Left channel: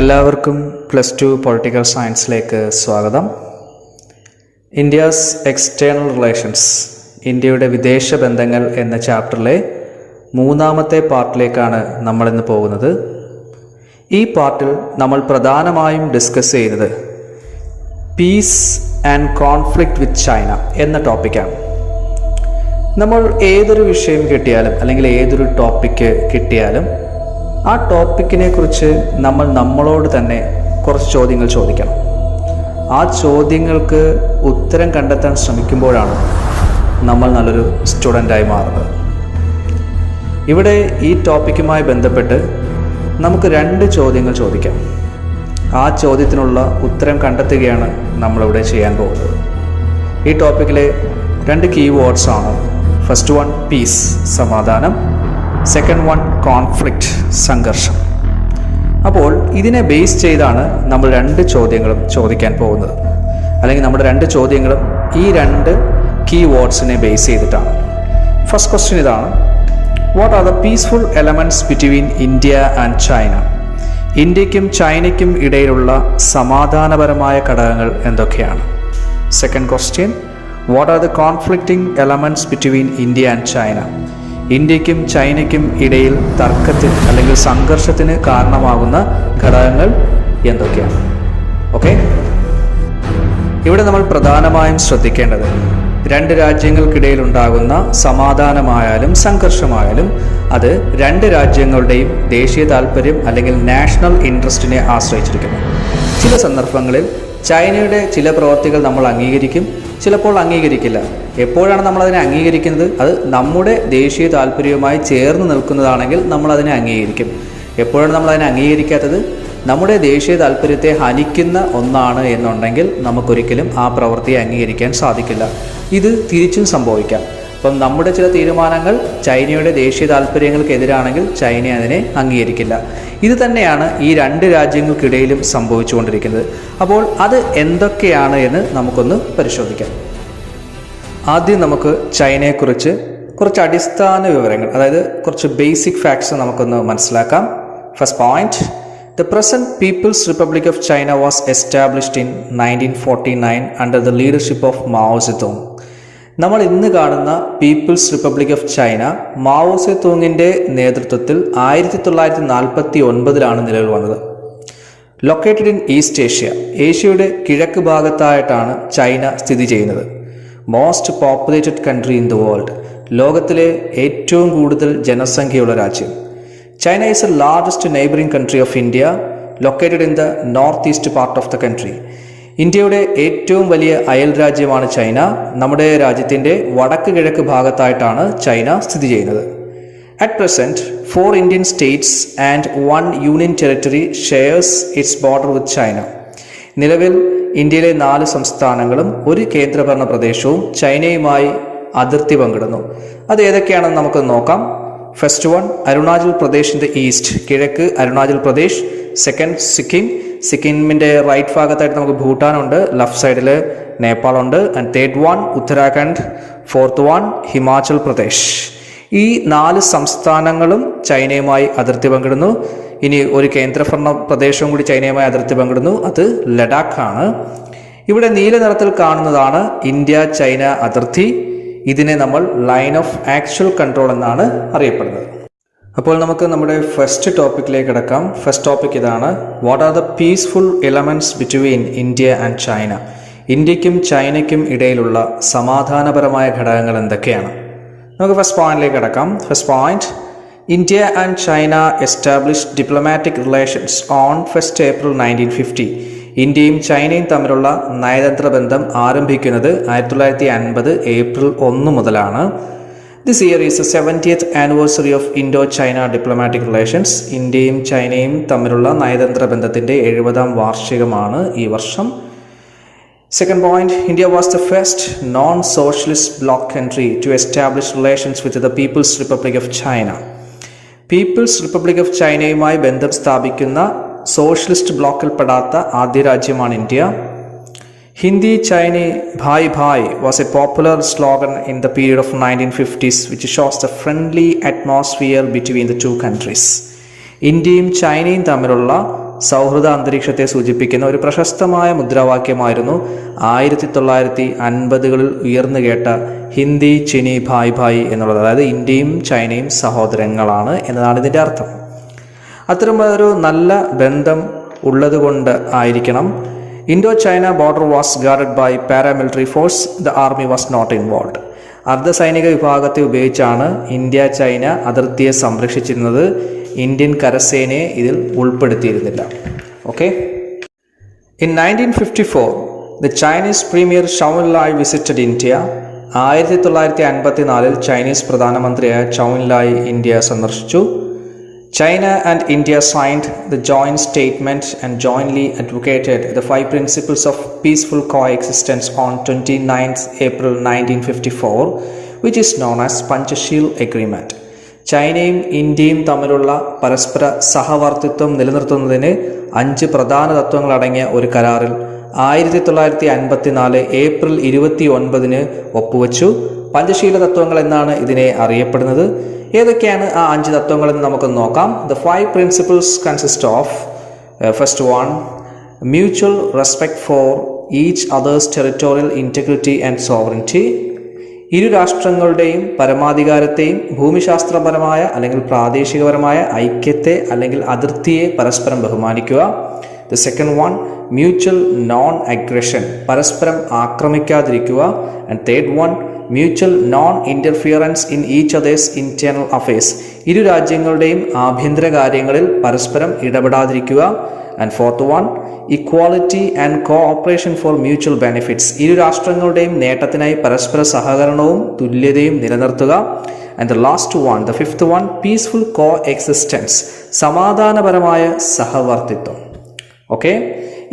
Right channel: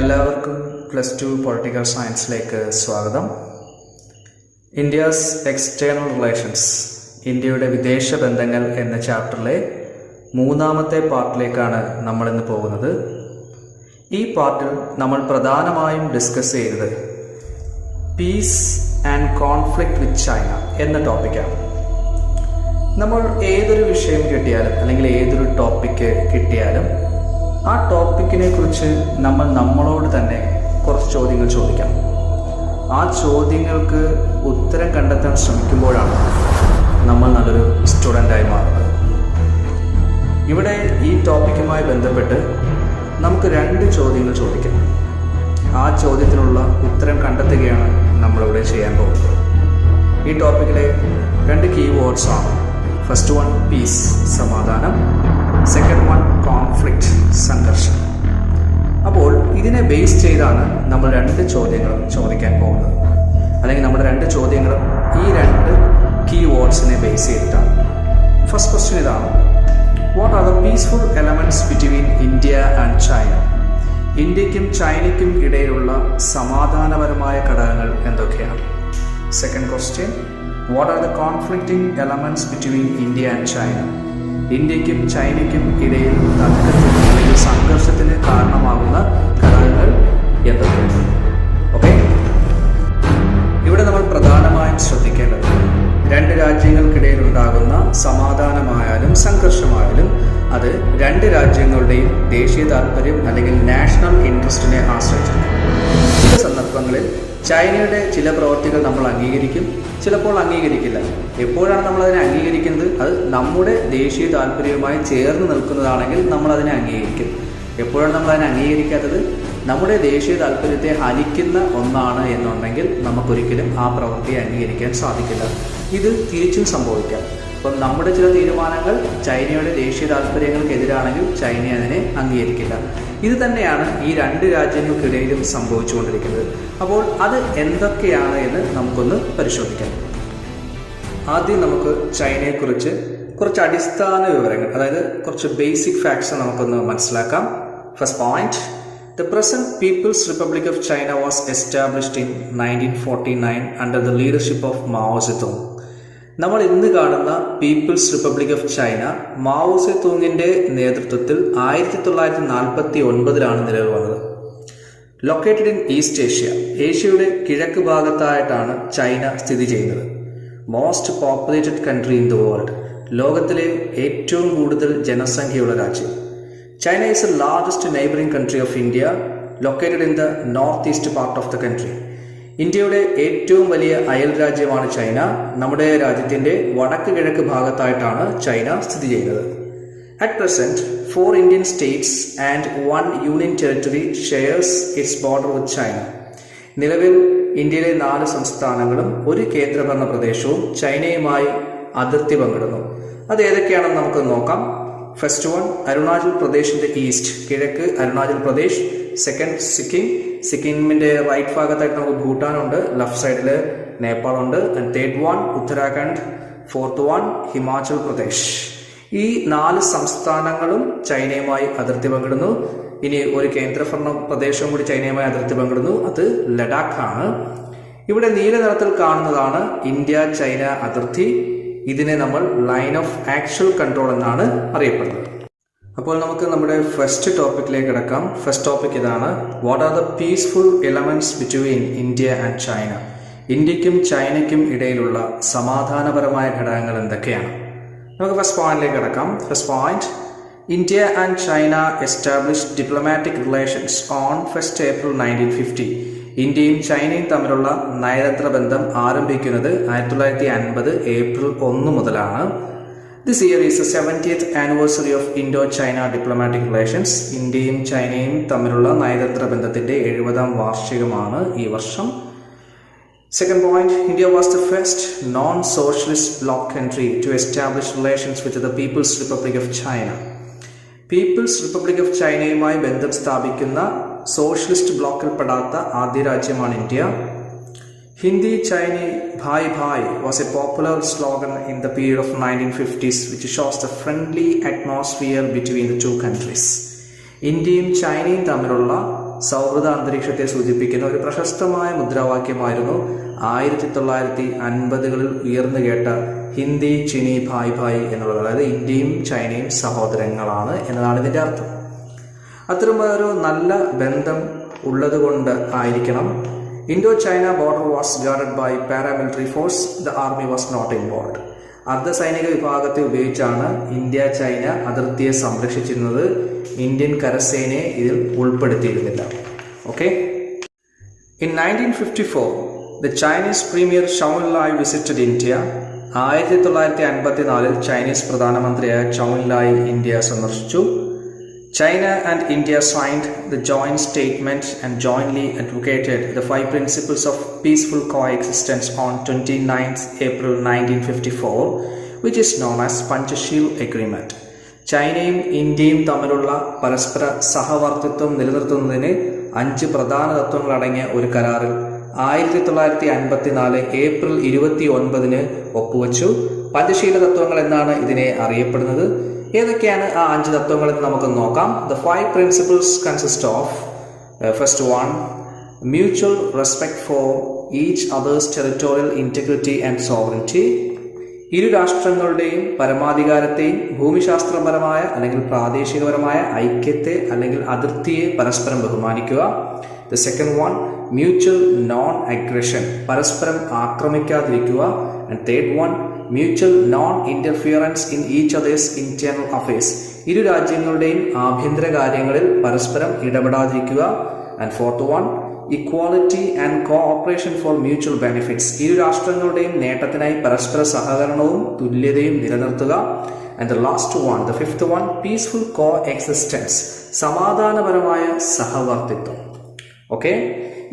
എല്ലാവർക്കും +2 പൊളിറ്റിക്കൽ സയൻസിലേക്ക് സ്വാഗതം. India's external relations, ഇന്ത്യയുടെ വിദേശ ബന്ധങ്ങൾ എന്ന ചാപ്റ്ററിലെ മൂന്നാമത്തെ പാർട്ടിലേക്കാണ് നമ്മളിന്ന് പോകുന്നത്. ഈ പാർട്ടിൽ നമ്മൾ പ്രധാനമായും ഡിസ്കസ് ചെയ്യുന്നത് piece and conflict with China എന്ന ടോപ്പിക്കാണ്. നമ്മൾ ഏതൊരു വിഷയം കിട്ടിയാലും അല്ലെങ്കിൽ ഏതൊരു ടോപ്പിക്ക് കിട്ടിയാലും ആ ടോപ്പിക്കിനെ കുറിച്ച് നമ്മളോട് തന്നെ കുറച്ച് ചോദ്യങ്ങൾ ചോദിക്കണം. ആ ചോദ്യങ്ങൾക്ക് ഉത്തരം കണ്ടെത്താൻ ശ്രമിക്കുമ്പോഴാണ് നമ്മൾ നല്ലൊരു സ്റ്റുഡൻ്റായി മാറുന്നത്. ഇവിടെ ഈ ടോപ്പിക്കുമായി ബന്ധപ്പെട്ട് നമുക്ക് 2 ചോദ്യങ്ങൾ ചോദിക്കാം. ആ ചോദ്യത്തിനുള്ള ഉത്തരം കണ്ടെത്തുകയാണ് നമ്മളിവിടെ ചെയ്യാൻ പോകുന്നത്. ഈ ടോപ്പിക്കിലെ 2 കീവേഡ്സ് ആണ്. ഫസ്റ്റ് വൺ പീസ്, സമാധാനം. സെക്കൻഡ് വൺ കോൺഫ്ലിക്റ്റ്, സംഘർഷം. അപ്പോൾ ഇതിനെ ബേസ് ചെയ്താണ് നമ്മൾ 2 ചോദ്യങ്ങളും ചോദിക്കാൻ പോകുന്നത്. അല്ലെങ്കിൽ നമ്മുടെ 2 ചോദ്യങ്ങളും ഈ 2 കീവേഡ്സിനെ ബേസ് ചെയ്തിട്ടാണ്. ഫസ്റ്റ് ക്വസ്റ്റ്യൻ ഇതാണ്: what are the peaceful elements between India and China? ഇന്ത്യക്കും ചൈനയ്ക്കും ഇടയിലുള്ള സമാധാനപരമായ ഘടകങ്ങൾ എന്തൊക്കെയാണ്? Second question: what are the conflicting elements between India and China? ഇന്ത്യക്കും ചൈനയ്ക്കും ഇടയിൽ തർക്കത്തിന് അല്ലെങ്കിൽ സംഘർഷത്തിന് കാരണമാകുന്ന ഘടകങ്ങൾ എന്തൊക്കെയാണ്? ഓക്കെ, ഇവിടെ നമ്മൾ പ്രധാനമായും ശ്രദ്ധിക്കേണ്ടത് 2 രാജ്യങ്ങൾക്കിടയിൽ ഉണ്ടാകുന്ന സമാധാനമായാലും സംഘർഷമായാലും അത് 2 രാജ്യങ്ങളുടെയും ദേശീയ താല്പര്യം അല്ലെങ്കിൽ നാഷണൽ ഇൻട്രസ്റ്റിനെ ആശ്രയിച്ചിരിക്കുന്നു. ചില സന്ദർഭങ്ങളിൽ ചൈനയുടെ ചില പ്രവൃത്തികൾ നമ്മൾ അംഗീകരിക്കും, ചിലപ്പോൾ അംഗീകരിക്കില്ല. എപ്പോഴാണ് നമ്മളതിനെ അംഗീകരിക്കുന്നത്? അത് നമ്മുടെ ദേശീയ താല്പര്യവുമായി ചേർന്ന് നിൽക്കുന്നതാണെങ്കിൽ നമ്മളതിനെ അംഗീകരിക്കും. എപ്പോഴാണ് നമ്മളതിനെ അംഗീകരിക്കാത്തത്? നമ്മുടെ ദേശീയ താല്പര്യത്തെ ഹനിക്കുന്ന ഒന്നാണ് എന്നുണ്ടെങ്കിൽ നമുക്കൊരിക്കലും ആ പ്രവൃത്തിയെ അംഗീകരിക്കാൻ സാധിക്കില്ല. ഇത് തിരിച്ചും സംഭവിക്കാം. അപ്പം നമ്മുടെ ചില തീരുമാനങ്ങൾ ചൈനയുടെ ദേശീയ താല്പര്യങ്ങൾക്കെതിരാണെങ്കിൽ ചൈന അതിനെ അംഗീകരിക്കില്ല. ഇത് തന്നെയാണ് ഈ 2 രാജ്യങ്ങൾക്കിടയിലും സംഭവിച്ചുകൊണ്ടിരിക്കുന്നത്. അപ്പോൾ അത് എന്തൊക്കെയാണ് എന്ന് നമുക്കൊന്ന് പരിശോധിക്കാം. ആദ്യം നമുക്ക് ചൈനയെക്കുറിച്ച് കുറച്ച് അടിസ്ഥാന വിവരങ്ങൾ, അതായത് കുറച്ച് ബേസിക് ഫാക്ട്സ് നമുക്കൊന്ന് മനസ്സിലാക്കാം. First point: The present People's Republic of China was established in 1949 under the leadership of Mao Zedong. നമ്മൾ ഇന്ന് കാണുന്ന people's republic of China Mao സേതൂങ്ങിൻ്റെ നേതൃത്വത്തിൽ 1949 നിലവിൽ വന്നത്. ലൊക്കേറ്റഡ് ഇൻ ഈസ്റ്റ് ഏഷ്യ, ഏഷ്യയുടെ കിഴക്ക് ഭാഗത്തായിട്ടാണ് ചൈന സ്ഥിതി ചെയ്യുന്നത്. Most populated country in the world, ലോകത്തിലെ ഏറ്റവും കൂടുതൽ ജനസംഖ്യയുള്ള രാജ്യം. China is the largest neighboring country of India, located in the northeast part of the country. ഇന്ത്യയുടെ ഏറ്റവും വലിയ അയൽ രാജ്യമാണ് ചൈന. നമ്മുടെ രാജ്യത്തിൻ്റെ വടക്ക് കിഴക്ക് ഭാഗത്തായിട്ടാണ് ചൈന സ്ഥിതി ചെയ്യുന്നത്. At present, 4 Indian states and 1 union territory shares its border with China. നിലവിൽ ഇന്ത്യയിലെ 4 സംസ്ഥാനങ്ങളും 1 കേന്ദ്രഭരണ പ്രദേശവും ചൈനയുമായി അതിർത്തി പങ്കിടുന്നു. അത് ഏതൊക്കെയാണെന്ന് നമുക്ക് നോക്കാം. First one, Arunachal Pradesh in the east, കിഴക്ക് അരുണാചൽ പ്രദേശ്. സെക്കൻഡ്, സിക്കിമിൻ്റെ റൈറ്റ് ഭാഗത്തായിട്ട് നമുക്ക് ഭൂട്ടാനുണ്ട്, ലെഫ്റ്റ് സൈഡിൽ നേപ്പാളുണ്ട്. And third one Uttarakhand. Fourth one Himachal Pradesh. ഈ 4 സംസ്ഥാനങ്ങളും ചൈനയുമായി അതിർത്തി പങ്കിടുന്നു. ഇനി ഒരു കേന്ദ്രഭരണ പ്രദേശവും കൂടി ചൈനയുമായി അതിർത്തി പങ്കിടുന്നു, അത് ലഡാക്കാണ്. ഇവിടെ നീല നിറത്തിൽ കാണുന്നതാണ് ഇന്ത്യ ചൈന അതിർത്തി. ഇതിനെ നമ്മൾ ലൈൻ ഓഫ് ആക്ച്വൽ കൺട്രോൾ എന്നാണ് അറിയപ്പെടുന്നത്. അപ്പോൾ നമുക്ക് നമ്മുടെ ഫസ്റ്റ് ടോപ്പിക്കിലേക്ക് കിടക്കാം. ഫസ്റ്റ് ടോപ്പിക് ഇതാണ്: what are the peaceful elements between India and China? ഇന്ത്യക്കും ചൈനയ്ക്കും ഇടയിലുള്ള സമാധാനപരമായ ഘടകങ്ങൾ എന്തൊക്കെയാണ്? നമുക്ക് ഫസ്റ്റ് പോയിന്റിലേക്ക് കിടക്കാം. First point: India and China established diplomatic relations on 1 April 1950. ഇന്ത്യയും ചൈനയും തമ്മിലുള്ള നയതന്ത്ര ബന്ധം ആരംഭിക്കുന്നത് 1950 ഏപ്രിൽ 1 മുതലാണ്. This year is the 70th anniversary of Indo China diplomatic relations. ഇന്ത്യയും ചൈനയും തമ്മിലുള്ള നയതന്ത്ര ബന്ധത്തിൻ്റെ 70ാം വാർഷികമാണ് ഈ വർഷം. Second point: India was the first non socialist bloc country to establish relations with the people's republic of China. People's republic of ചൈനയുമായി ബന്ധം സ്ഥാപിക്കുന്ന സോഷ്യലിസ്റ്റ് ബ്ലോക്കിൽപ്പെടാത്ത ആദ്യ രാജ്യമാണ് India. Hindi Chini bhai bhai was a popular slogan in the period of 1950s which shows the friendly atmosphere between the two countries. ഇന്ത്യയും ചൈനയും തമ്മിലുള്ള സൗഹൃദ അന്തരീക്ഷത്തെ സൂചിപ്പിക്കുന്ന ഒരു പ്രശസ്തമായ മുദ്രാവാക്യമായിരുന്നു 1950കളിൽ ഉയർന്നു കേട്ട ഹിന്ദി ചിനി ഭായ് ഭായ് എന്നുള്ളത്. അതായത് ഇന്ത്യയും ചൈനയും സഹോദരങ്ങളാണ് എന്നതാണ് ഇതിൻ്റെ അർത്ഥം. അത്തരം ഒരു നല്ല ബന്ധം ഉള്ളതുകൊണ്ട് ആയിരിക്കണം Indo China border was guarded by paramilitary force, the army was not involve. അർദ്ധസൈനിക വിഭാഗത്തെ ഉപയോഗിച്ചാണ് ഇന്ത്യ ചൈന അതിർത്തിയെ സംരക്ഷിച്ചിരുന്നത്. ഇന്ത്യൻ കരസേനയെ ഇതിൽ ഉൾപ്പെടുത്തിയിരുന്നില്ല. Okay. In 1954 the Chinese premier Zhou Enlai visited India. 1954 Chinese പ്രധാനമന്ത്രിയായ ചൗ എൻലായ് ഇന്ത്യ സന്ദർശിച്ചു. China and India signed the joint statement and jointly advocated the 5 principles of peaceful coexistence on 29th April 1954, which is known as Panchasheel Agreement. ചൈനയും ഇന്ത്യയും തമ്മിലുള്ള പരസ്പര സഹവർത്തിത്വം നിലനിർത്തുന്നതിന് 5 പ്രധാന തത്വങ്ങളടങ്ങിയ ഒരു കരാറിൽ 1954 ഏപ്രിൽ 29 ഒപ്പുവെച്ചു. പഞ്ചശീല തത്വങ്ങൾ എന്നാണ് ഇതിനെ അറിയപ്പെടുന്നത്. ഏതൊക്കെയാണ് ആ 5 തത്വങ്ങളെന്ന് നമുക്ക് നോക്കാം. The 5 principles consist of first one, mutual respect for each others territorial integrity and sovereignty. ഇരു രാഷ്ട്രങ്ങളുടെയും പരമാധികാരത്തെയും ഭൂമിശാസ്ത്രപരമായ അല്ലെങ്കിൽ പ്രാദേശികപരമായ ഐക്യത്തെ അല്ലെങ്കിൽ അതിർത്തിയെ പരസ്പരം ബഹുമാനിക്കുക. The second one, mutual non aggression, പരസ്പരം ആക്രമിക്കാതിരിക്കുക. And third one, mutual non interference in each other's internal affairs, ഇരു രാജ്യങ്ങളുടെയും ആഭ്യന്തര കാര്യങ്ങളിൽ പരസ്പരം ഇടപെടാതിരിക്കുക. And fourth one, equality and cooperation for mutual benefits, ഇരു രാഷ്ട്രങ്ങളുടെയും നേട്ടത്തിനായി പരസ്പര സഹകരണവും തുല്യതയും നിലനിർത്തുക. And the last one, the fifth one, peaceful coexistence, സമാധാനപരമായ സഹവർത്തിത്വം. Okay.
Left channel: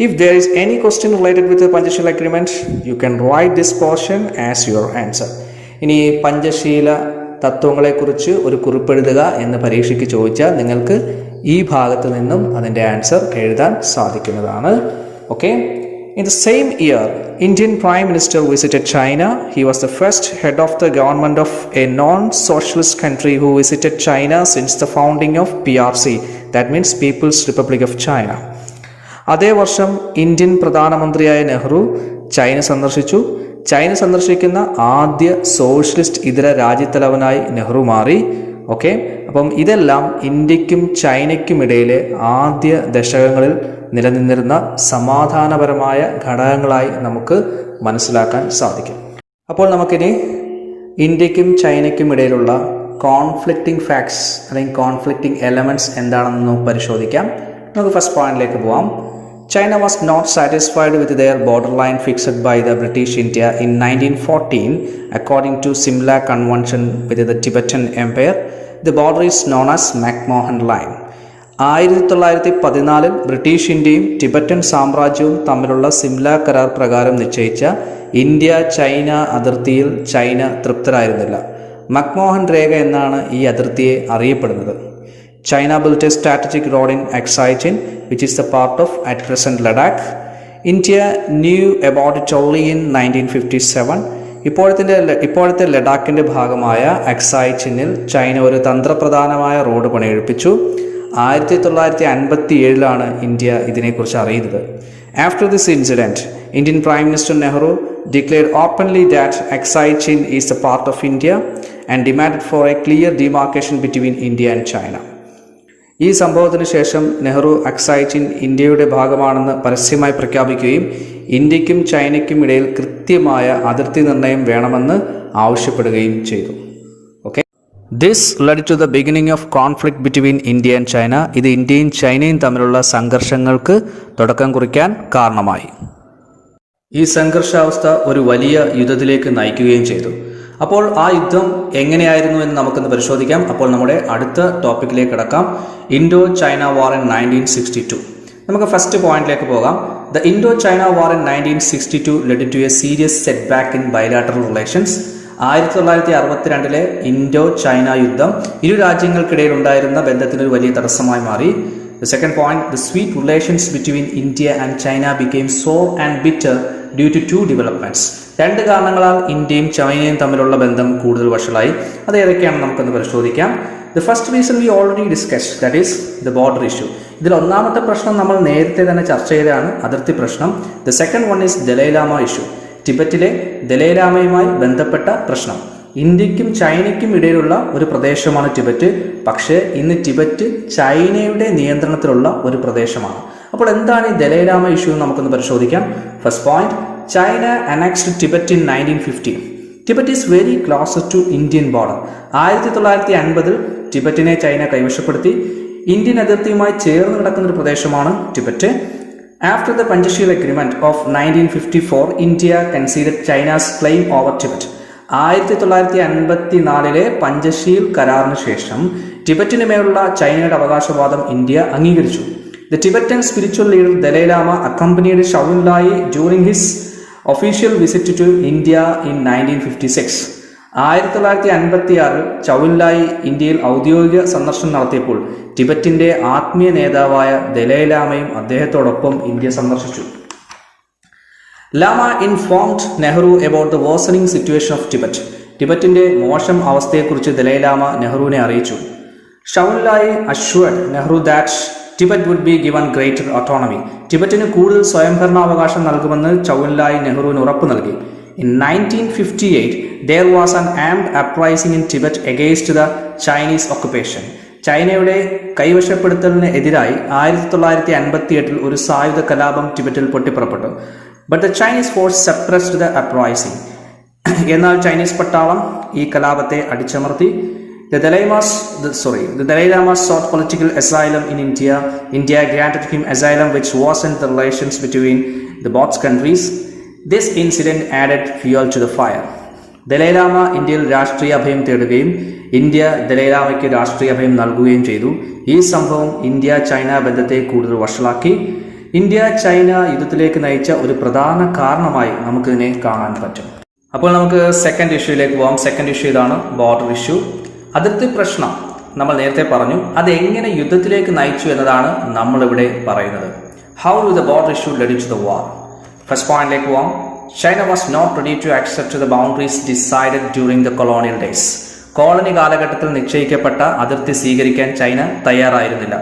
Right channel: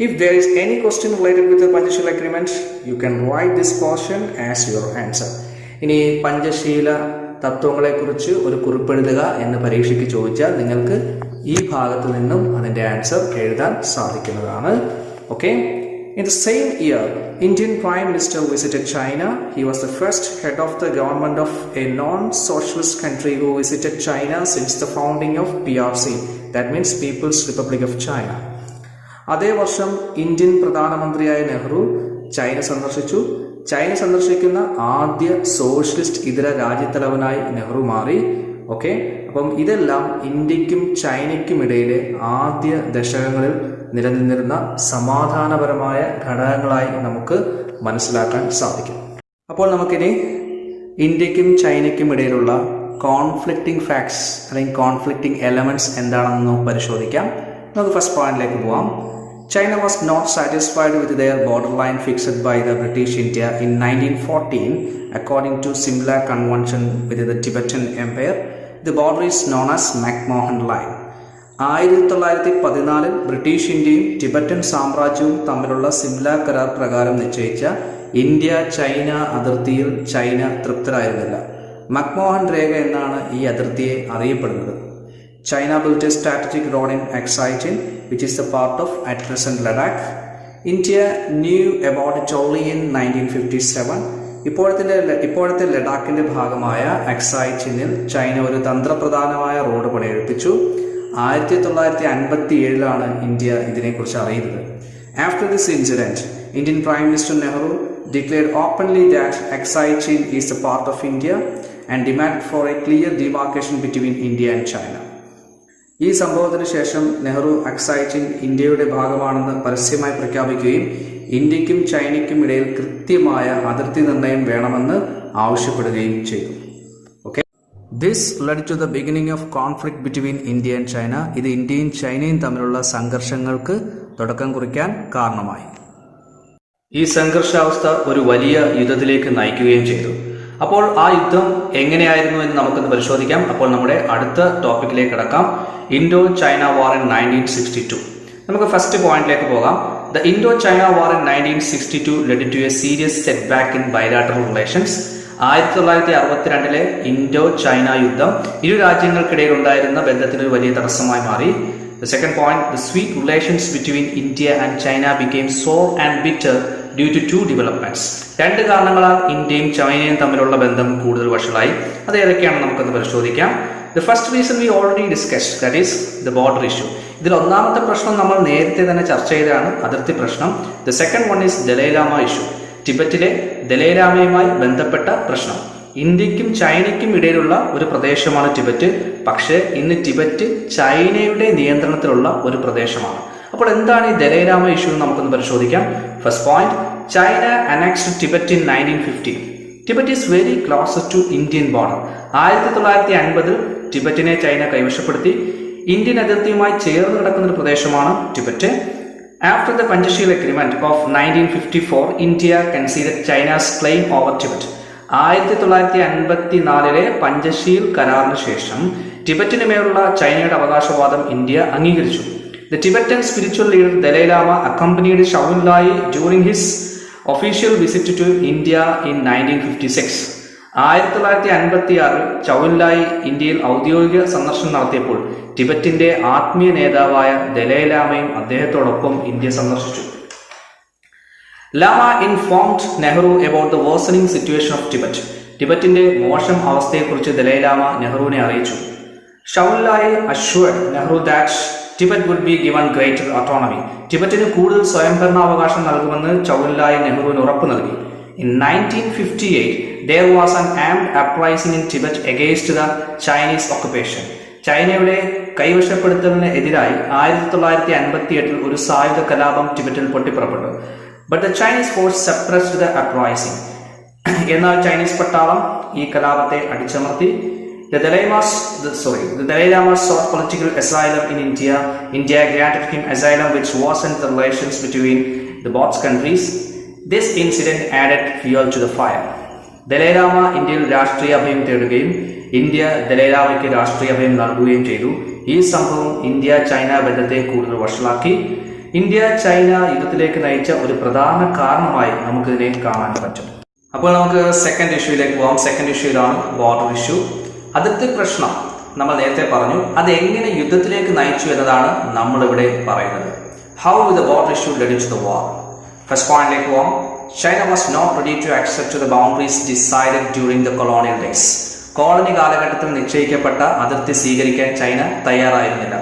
If there is any question related with the Panchasheel agreement, you can write this portion as your answer. ഇനി പഞ്ചശീല തത്വങ്ങളെക്കുറിച്ച് ഒരു കുറിപ്പെഴുതുക എന്ന് പരീക്ഷയ്ക്ക് ചോദിച്ചാൽ നിങ്ങൾക്ക് ഈ ഭാഗത്ത് നിന്നും അതിൻ്റെ ആൻസർ എഴുതാൻ സാധിക്കുന്നതാണ്. Okay. In the same year, Indian Prime Minister visited China. He was the first head of the government of a non-socialist country who visited China since the founding of PRC. That means People's Republic of China. അതേ വർഷം Indian പ്രധാനമന്ത്രിയായ Nehru China സന്ദർശിച്ചു. China സന്ദർശിക്കുന്ന ആദ്യ socialist ഇതര രാജ്യത്തലവനായി നെഹ്റു മാറി. Okay. അപ്പം ഇതെല്ലാം ഇന്ത്യക്കും ചൈനയ്ക്കും ഇടയിലെ ആദ്യ ദശകങ്ങളിൽ നിലനിന്നിരുന്ന സമാധാനപരമായ ഘടകങ്ങളായി നമുക്ക് മനസ്സിലാക്കാൻ സാധിക്കും. അപ്പോൾ നമുക്കിനി ഇന്ത്യക്കും ചൈനയ്ക്കും ഇടയിലുള്ള കോൺഫ്ലിക്റ്റിംഗ് ഫാക്ട്സ് അല്ലെങ്കിൽ കോൺഫ്ലിക്റ്റിംഗ് എലമെൻറ്റ്സ് എന്താണെന്ന് പരിശോധിക്കാം. നമുക്ക് ഫസ്റ്റ് പോയിന്റിലേക്ക് പോവാം. China was not satisfied with their borderline fixed by the British India in 1914. According to Simla Convention with the Tibetan Empire, the border is known as McMahon Line. 1914 British ഇന്ത്യയും Tibetan സാമ്രാജ്യവും തമ്മിലുള്ള സിംല കരാർ പ്രകാരം നിശ്ചയിച്ച India China അതിർത്തിയിൽ China തൃപ്തരായിരുന്നില്ല. McMahon രേഖ എന്നാണ് ഈ അതിർത്തിയെ അറിയപ്പെടുന്നത്. China built a strategic road in Aksai Chin, which is the part of at present Ladakh. India knew about it only in 1957. ഇപ്പോഴത്തെ ലഡാക്കിൻ്റെ ഭാഗമായ അക്സായ് ചിന്നിൽ ചൈന ഒരു തന്ത്രപ്രധാനമായ റോഡ് പണിയെടുപ്പിച്ചു. 1957 ഇന്ത്യ ഇതിനെക്കുറിച്ച് അറിയുന്നത്. After this incident, Indian Prime Minister Nehru declared openly that Aksai Chin is a part of India and demanded for a clear demarcation between India and China. ഈ സംഭവത്തിന് ശേഷം Nehru Aksai chin ഇന്ത്യയുടെ ഭാഗമാണെന്ന് പരസ്യമായി പ്രഖ്യാപിക്കുകയും ഇന്ത്യക്കും ചൈനയ്ക്കും ഇടയിൽ കൃത്യമായ അതിർത്തി നിർണയം വേണമെന്ന് ആവശ്യപ്പെടുകയും ചെയ്തു. Okay. This led to the beginning of conflict between India and China. ഇത് ഇന്ത്യയും ചൈനയും തമ്മിലുള്ള സംഘർഷങ്ങൾക്ക് തുടക്കം കുറിക്കാൻ കാരണമായി. ഈ സംഘർഷാവസ്ഥ ഒരു വലിയ യുദ്ധത്തിലേക്ക് നയിക്കുകയും ചെയ്തു. അപ്പോൾ ആ യുദ്ധം എങ്ങനെയായിരുന്നു എന്ന് നമുക്കൊന്ന് പരിശോധിക്കാം. അപ്പോൾ നമ്മുടെ അടുത്ത ടോപ്പിക്കിലേക്ക് കിടക്കാം. Indo China war in 1962. നമുക്ക് ഫസ്റ്റ് പോയിന്റിലേക്ക് പോകാം. The Indo China war in 1962 led to a serious setback in bilateral relations. 1962 Indo China യുദ്ധം ഇരു രാജ്യങ്ങൾക്കിടയിൽ ഉണ്ടായിരുന്ന ബന്ധത്തിന് ഒരു വലിയ തടസ്സമായി മാറി. The second point, the sweet relations between India and China became sour and bitter due to two developments. രണ്ട് കാരണങ്ങളാൽ ഇന്ത്യയും ചൈനയും തമ്മിലുള്ള ബന്ധം കൂടുതൽ വഷളായി. അത് ഏതൊക്കെയാണെന്ന് നമുക്കൊന്ന് പരിശോധിക്കാം. The first reason we already discussed, that is the border issue. ഇതിൽ ഒന്നാമത്തെ പ്രശ്നം നമ്മൾ നേരത്തെ തന്നെ ചർച്ച ചെയ്തതാണ്, അതിർത്തി പ്രശ്നം. The second one is Dalai Lama issue, ടിബറ്റിലെ ദലൈലാമയുമായി ബന്ധപ്പെട്ട പ്രശ്നം. ഇന്ത്യക്കും ചൈനയ്ക്കും ഇടയിലുള്ള ഒരു പ്രദേശമാണ് ടിബറ്റ്. പക്ഷേ ഇന്ന് ടിബറ്റ് ചൈനയുടെ നിയന്ത്രണത്തിലുള്ള ഒരു പ്രദേശമാണ്. അപ്പോൾ എന്താണ് ഈ ദലൈലാമ ഇഷ്യൂ എന്ന് നമുക്കൊന്ന് പരിശോധിക്കാം. First point, China annexed Tibet in 1950. Tibet is very closer to Indian border. 1950 ടിബറ്റിനെ ചൈന കൈവശപ്പെടുത്തി. ഇന്ത്യൻ അതിർത്തിയുമായി ചേർന്ന് കിടക്കുന്ന ഒരു പ്രദേശമാണ് Tibet. After the Panchsheel agreement of 1954, India conceded China's claim over Tibet. 1954 Panchsheel കരാറിന് ശേഷം ടിബറ്റിന് മേലുള്ള ചൈനയുടെ അവകാശവാദം ഇന്ത്യ അംഗീകരിച്ചു. The Tibetan spiritual leader Dalai Lama accompanied Shaolin Lai during his official visit to India in 1956. 1956 ചൗൻ Lai ഇന്ത്യയിൽ ഔദ്യോഗിക സന്ദർശനം നടത്തിയപ്പോൾ ടിബറ്റിന്റെ ആത്മീയ നേതാവായ ദലൈലാമയും അദ്ദേഹത്തോടൊപ്പം ഇന്ത്യ സന്ദർശിച്ചു. Lama informed Nehru about the worsening situation of Tibet. ടിബറ്റിന്റെ മോശം അവസ്ഥയെക്കുറിച്ച് ദലൈലാമ നെഹ്റുവിനെ അറിയിച്ചു. Zhou Enlai assured Nehru that Tibet would be given greater autonomy. ടിബറ്റിന് കൂടുതൽ സ്വയംഭരണാവകാശം നൽകുമെന്ന് ചൗൻ ലായ് നെഹ്റുവിന് ഉറപ്പ് നൽകി. In 1958, there was an armed uprising in Tibet against the Chinese occupation. ചൈനയുടെ കൈവശപ്പെടുത്തലിന് എതിരായി 1958 ഒരു സായുധ കലാപം ടിബറ്റിൽ പൊട്ടിപ്പുറപ്പെട്ടു. But the Chinese force suppressed the uprising. എന്നാൽ ചൈനീസ് പട്ടാളം ഈ കലാപത്തെ അടിച്ചമർത്തി. The Dalai Lama sought political asylum in India. India granted him asylum, which worsened the relations between the both countries. This incident added fuel to the fire. Dalai Lama ഇന്ത്യയിൽ രാഷ്ട്രീയ അഭയം തേടുകയും India Dalai ലാമയ്ക്ക് രാഷ്ട്രീയ അഭയം നൽകുകയും ചെയ്തു. ഈ സംഭവം ഇന്ത്യ ചൈന ബന്ധത്തെ കൂടുതൽ വഷളാക്കി. ഇന്ത്യ ചൈന യുദ്ധത്തിലേക്ക് നയിച്ച ഒരു പ്രധാന കാരണമായി നമുക്കിതിനെ കാണാൻ പറ്റും. അപ്പോൾ നമുക്ക് സെക്കൻഡ് ഇഷ്യൂയിലേക്ക് പോകാം. സെക്കൻഡ് ഇഷ്യൂയിലാണ് ബോർഡർ ഇഷ്യൂ, അതിർത്തി പ്രശ്നം. നമ്മൾ നേരത്തെ പറഞ്ഞു അത് എങ്ങനെ യുദ്ധത്തിലേക്ക് നയിച്ചു എന്നതാണ് നമ്മളിവിടെ പറയുന്നത്. How the border issue led to the war. First പോയിന്റിലേക്ക് പോകാം. China was not ready to accept the boundaries decided during the colonial days. Colony കാലഘട്ടത്തിൽ നിശ്ചയിക്കപ്പെട്ട അതിർത്തി സ്വീകരിക്കാൻ ചൈന തയ്യാറായിരുന്നില്ല.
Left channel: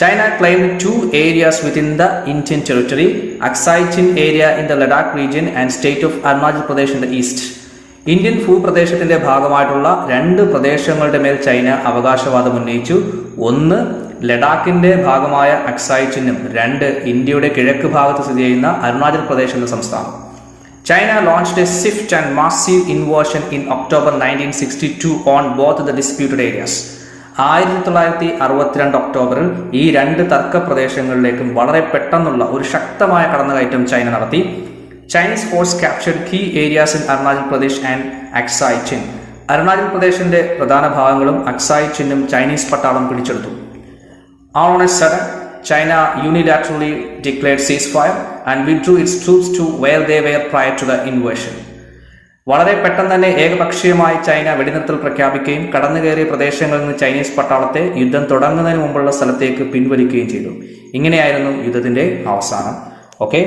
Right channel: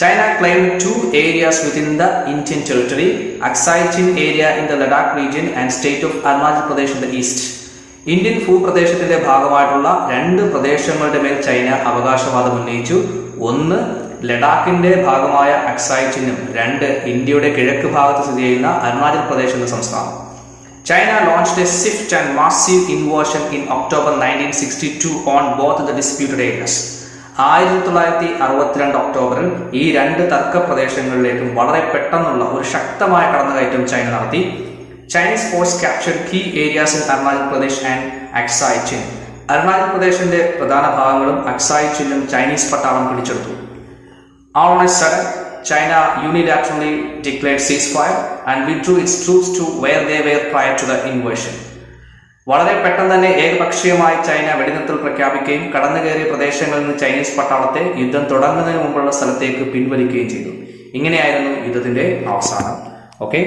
China claimed 2 areas within the Indian territory, Aksai Chin area in the Ladakh region and state of Arunachal Pradesh in the east. Indian ഭൂപ്രദേശത്തിന്റെ ഭാഗമായിട്ടുള്ള 2 പ്രദേശങ്ങളുടെ മേൽ China അവകാശവാദം ഉന്നയിച്ചു. ഒന്ന് ലഡാക്കിന്റെ ഭാഗമായ അക്സായ് ചിന്നും, 2 ഇന്ത്യയുടെ കിഴക്ക് ഭാഗത്ത് സ്ഥിതി ചെയ്യുന്ന അരുണാചൽ പ്രദേശ് എന്ന സംസ്ഥാനം. China launched a swift and massive invasion in October 1962 on both the disputed areas. 1962 ഒക്ടോബറിൽ ഈ 2 തർക്ക പ്രദേശങ്ങളിലേക്കും വളരെ പെട്ടെന്നുള്ള ഒരു ശക്തമായ കടന്നുകയറ്റം ചൈന നടത്തി. Chinese force captured key areas in Arunachal Pradesh and Aksai Chin. Arunachal പ്രദേശിന്റെ പ്രധാന ഭാഗങ്ങളും അക്സായ് ചിന്നും ചൈനീസ് പട്ടാളം പിടിച്ചെടുത്തു. On a sudden, China unilaterally declared ceasefire and withdrew its troops to where they were prior to the invasion. വളരെ പെട്ടെന്ന് തന്നെ ഏകപക്ഷീയമായി China വെടിനിർത്തൽ പ്രഖ്യാപിക്കുകയും കടന്നുകയറിയ പ്രദേശങ്ങളിൽ നിന്ന് ചൈനീസ് പട്ടാളത്തെ യുദ്ധം തുടങ്ങുന്നതിന് മുമ്പുള്ള സ്ഥലത്തേക്ക് പിൻവലിക്കുകയും ചെയ്തു. ഇങ്ങനെയായിരുന്നു യുദ്ധത്തിന്റെ അവസാനം. ഓക്കെ,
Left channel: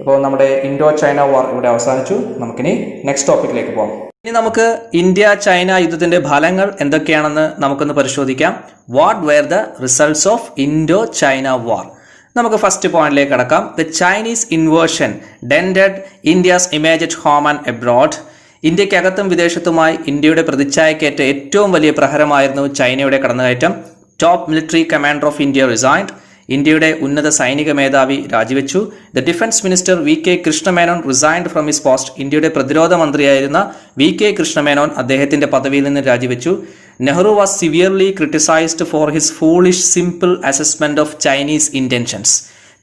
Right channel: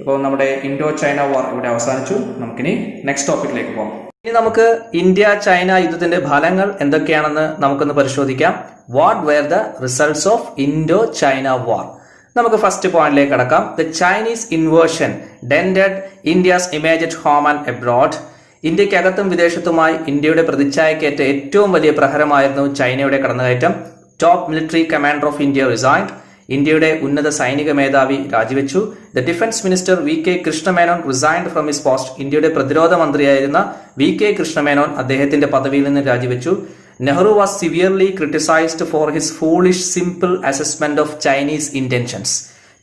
ഇപ്പോൾ നമ്മുടെ ഇൻഡോ ചൈന വാർ ഇവിടെ അവസാനിച്ചു. നമുക്കിനി നെക്സ്റ്റ് ടോപ്പിക്കിലേക്ക് പോകാം. ഇനി നമുക്ക് ഇന്ത്യ ചൈന യുദ്ധത്തിന്റെ ഫലങ്ങൾ എന്തൊക്കെയാണെന്ന് നമുക്കൊന്ന് പരിശോധിക്കാം. What where the results of Indo China വാർ. നമുക്ക് ഫസ്റ്റ് പോയിന്റിലേക്ക് കടക്കാം. The Chinese inversion ഡെൻഡഡ് India's image at home and abroad. ഇന്ത്യക്കകത്തും വിദേശത്തുമായി ഇന്ത്യയുടെ പ്രതിച്ഛായക്കേറ്റ ഏറ്റവും വലിയ പ്രഹരമായിരുന്നു ചൈനയുടെ കടന്നുകയറ്റം. Top military commander of India resigned. ഇന്ത്യയുടെ ഉന്നത സൈനിക മേധാവി രാജിവെച്ചു. The defence minister VK Krishna Menon resigned from his post. ഇന്ത്യയുടെ പ്രതിരോധ മന്ത്രിയായിരുന്ന VK കൃഷ്ണമേനോൻ അദ്ദേഹത്തിന്റെ പദവിയിൽ നിന്ന് രാജിവെച്ചു. Nehru was severely criticised for his foolish simple assessment of Chinese intentions.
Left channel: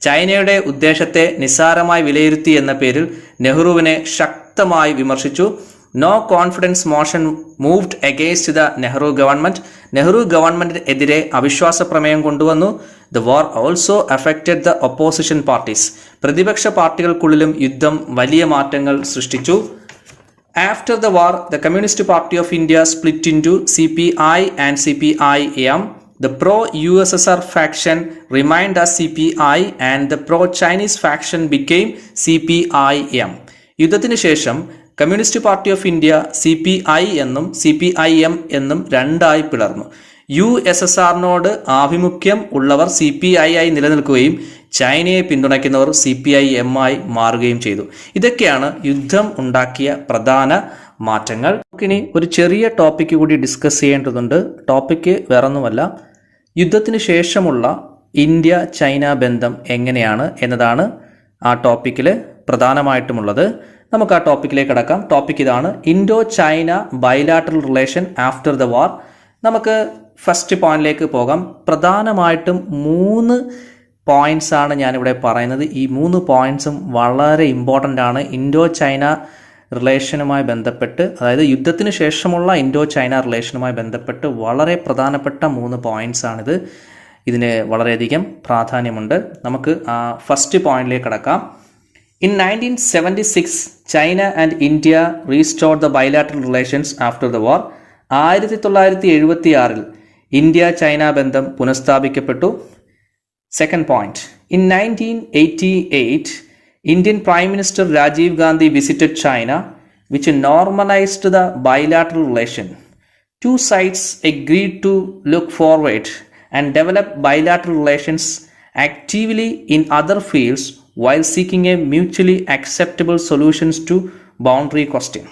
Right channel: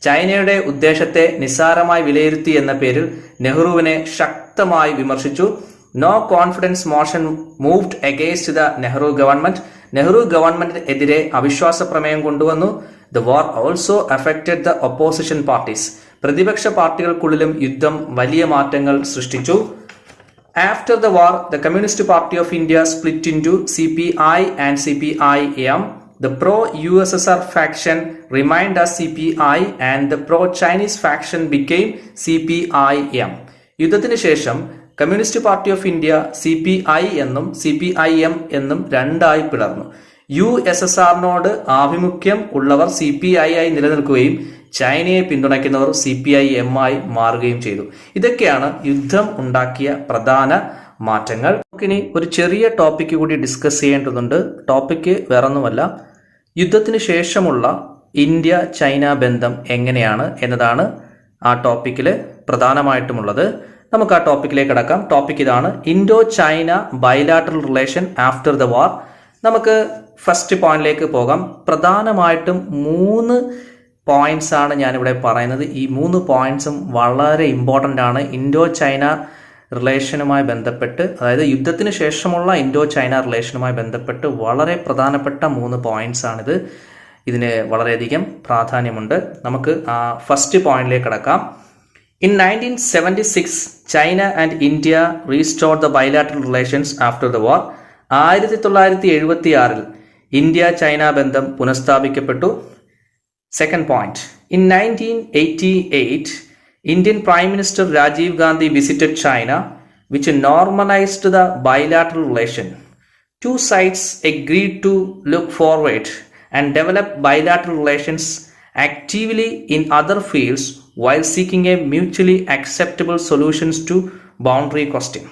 ചൈനയുടെ ഉദ്ദേശത്തെ നിസ്സാരമായി വിലയിരുത്തി എന്ന പേരിൽ നെഹ്റുവിനെ ശക്തമായി വിമർശിച്ചു. No confidence motion moved against the Nehru government. Nehru ഗവൺമെന്റിനെതിരെ അവിശ്വാസ പ്രമേയം കൊണ്ടുവന്നു. The war also affected the opposition parties. പ്രതിപക്ഷ പാർട്ടികൾക്കുള്ളിലും യുദ്ധം വലിയ മാറ്റങ്ങൾ സൃഷ്ടിച്ചു. After the war, the Communist Party of India split into CPI and CPIM. The pro-USSR faction remained as CPI and the pro-Chinese faction became CPIM. യുദ്ധത്തിന് ശേഷം communist party of India CPI എന്നും CPIM എന്നും 2ആയി പിളർന്നു. USSRനോട് ആഭിമുഖ്യം ഉള്ളവർ CPI ആയി നിലനിൽക്കുകയും ചൈനയെ പിന്തുണയ്ക്കുന്നവർ CPIM ആയി മാറുകയും ചെയ്തു. ഇതൊക്കെയാണ് യുദ്ധം ഉണ്ടാക്കിയ പ്രധാന മാറ്റങ്ങൾ. നമുക്കിനി ഒരു ചെറിയ ടോപ്പിക്ക് കൂടി ഡിസ്കസ് ചെയ്യേണ്ടതുണ്ട്. ടോപ്പിക്ക് വേറൊന്നുമല്ല, യുദ്ധത്തിന് ശേഷമുള്ള ഇന്ത്യ ചൈന ബന്ധം എങ്ങനെയാണ് എന്നതാണ് ആ ടോപ്പിക്കിൽ പ്രധാനമായിട്ടുമുള്ളത്. നമുക്ക് ആ ടോപ്പിക്കിലേക്ക് കടക്കാം. ടോപ്പിക് ഇതാണ്: Indo China bilateral relation after the war. നമുക്ക് ഫസ്റ്റ് പോയിന്റിലേക്ക് പോകാം. പ്രധാനമായിട്ടും 3 പോയിന്റ്സ് ആണ് ഞാനിവിടെ പറയുന്നത്. ഈ 3 പോയിന്റ്സും വളരെ ഇമ്പോർട്ടൻ്റ് ആണ് ഇൻഡോ ചൈന റിലേഷനുമായി ബന്ധപ്പെട്ട്, അതായത് യുദ്ധത്തിന് ശേഷമുള്ള ഇൻഡോ ചൈന റിലേഷനുമായി ബന്ധപ്പെട്ട് വളരെ പ്രധാനപ്പെട്ട 3 പോയിന്റ്സ് ആണിത്. ഇതിന് വളരെയധികം പ്രാധാന്യമുണ്ട്. നമുക്ക് ആ ഫസ്റ്റ് പോയിന്റിലേക്ക് കടക്കാം. In 1976, China and India restored the bilateral relations after the war. 1976 India China ബന്ധം പുനഃസ്ഥാപിക്കപ്പെട്ടു. Second point: In 1988, Indian Prime Minister Rajiv Gandhi visited China, which normalized the bilateral relation. Two sides agreed to look forward and develop bilateral relations actively in other fields while seeking a mutually acceptable solutions to boundary question.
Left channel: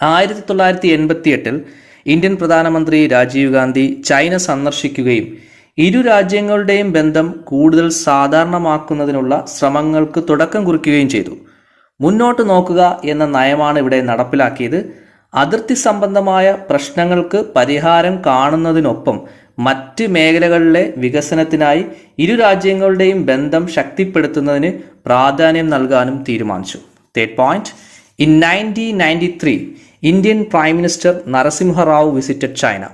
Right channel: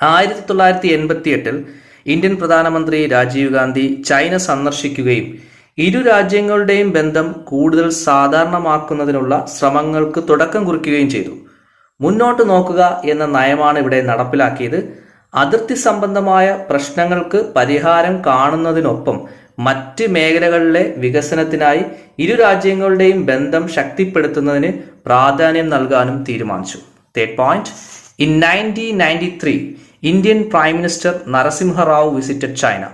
1988 Indian പ്രധാനമന്ത്രി Rajeev Gandhi China സന്ദർശിക്കുകയും ഇരു രാജ്യങ്ങളുടെയും ബന്ധം കൂടുതൽ സാധാരണമാക്കുന്നതിനുള്ള ശ്രമങ്ങൾക്ക് തുടക്കം കുറിക്കുകയും ചെയ്തു. മുന്നോട്ട് നോക്കുക എന്ന നയമാണ് ഇവിടെ നടപ്പിലാക്കിയത്. അതിർത്തി സംബന്ധമായ പ്രശ്നങ്ങൾക്ക് പരിഹാരം കാണുന്നതിനൊപ്പം മറ്റ് മേഖലകളിലെ വികസനത്തിനായി ഇരു രാജ്യങ്ങളുടെയും ബന്ധം ശക്തിപ്പെടുത്തുന്നതിന് പ്രാധാന്യം നൽകാനും തീരുമാനിച്ചു. Third point: In 1993, Indian Prime Minister Narasimha Rao visited China.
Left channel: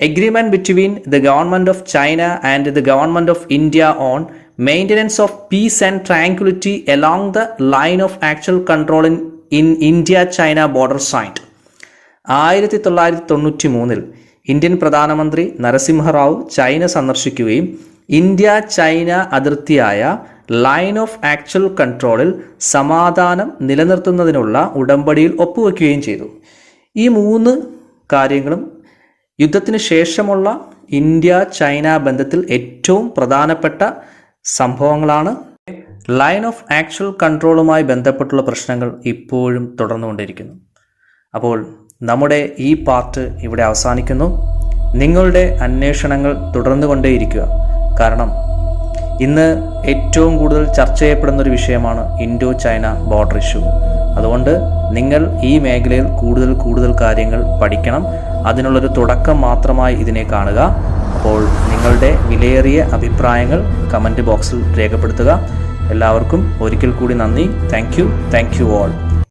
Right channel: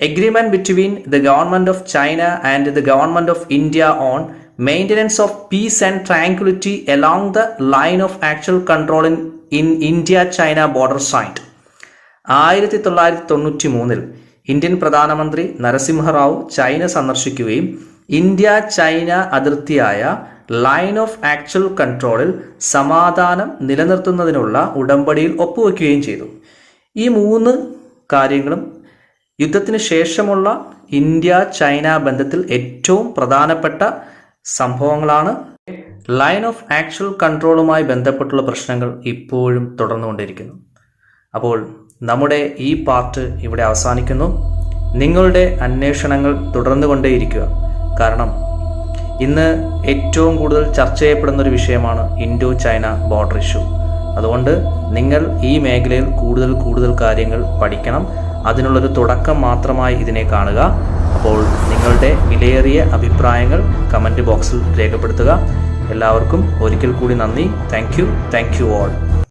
Agreement between the government of China and the government of India on maintenance of peace and tranquility along the line of actual control in India-China border signed. 1993 Indian പ്രധാനമന്ത്രി Narasimha Rao China സന്ദർശിക്കുകയും India China അതിർത്തിയായ line of actual കൺട്രോളിൽ സമാധാനം നിലനിർത്തുന്നതിനുള്ള ഉടമ്പടിയിൽ ഒപ്പുവെക്കുകയും ചെയ്തു. ഈ 3 കാര്യങ്ങളും യുദ്ധത്തിന് ശേഷമുള്ള ഇന്ത്യ ചൈന ബന്ധത്തിൽ ഏറ്റവും പ്രധാനപ്പെട്ട സംഭവങ്ങളാണ്. ലൈൻ ഓഫ് ആക്ച്വൽ കൺട്രോളുമായി ബന്ധപ്പെട്ടുള്ള പ്രശ്നങ്ങൾ ഇപ്പോഴും തുടർന്നുകൊണ്ടിരിക്കുന്നു. അപ്പോൾ നമ്മുടെ ഈ പാർട്ട് ഇവിടെ അവസാനിക്കുന്നു. നിങ്ങളുടെ അന്വേഷണങ്ങൾ തുടർന്നുകൊണ്ടേയിരിക്കുക. കാരണം ഇന്ന് ഏറ്റവും കൂടുതൽ ചർച്ച ചെയ്യപ്പെടുന്ന ഒരു വിഷയമാണ് ഇൻഡോ ചൈന ബോർഡർ ഇഷ്യൂ. അതുകൊണ്ട് നിങ്ങൾ ഈ മേഖലയിൽ കൂടുതൽ കാര്യങ്ങൾ പഠിക്കണം. അതിനുള്ളൊരു തുടക്കം മാത്രമായി ഇതിനെ കാണുക. അപ്പോൾ നിങ്ങളുടെ വിലയേറിയ അഭിപ്രായങ്ങൾ കമൻറ്റ് ബോക്സിൽ രേഖപ്പെടുത്തുക. എല്ലാവർക്കും ഒരിക്കൽ കൂടി നന്ദി. Thank you all.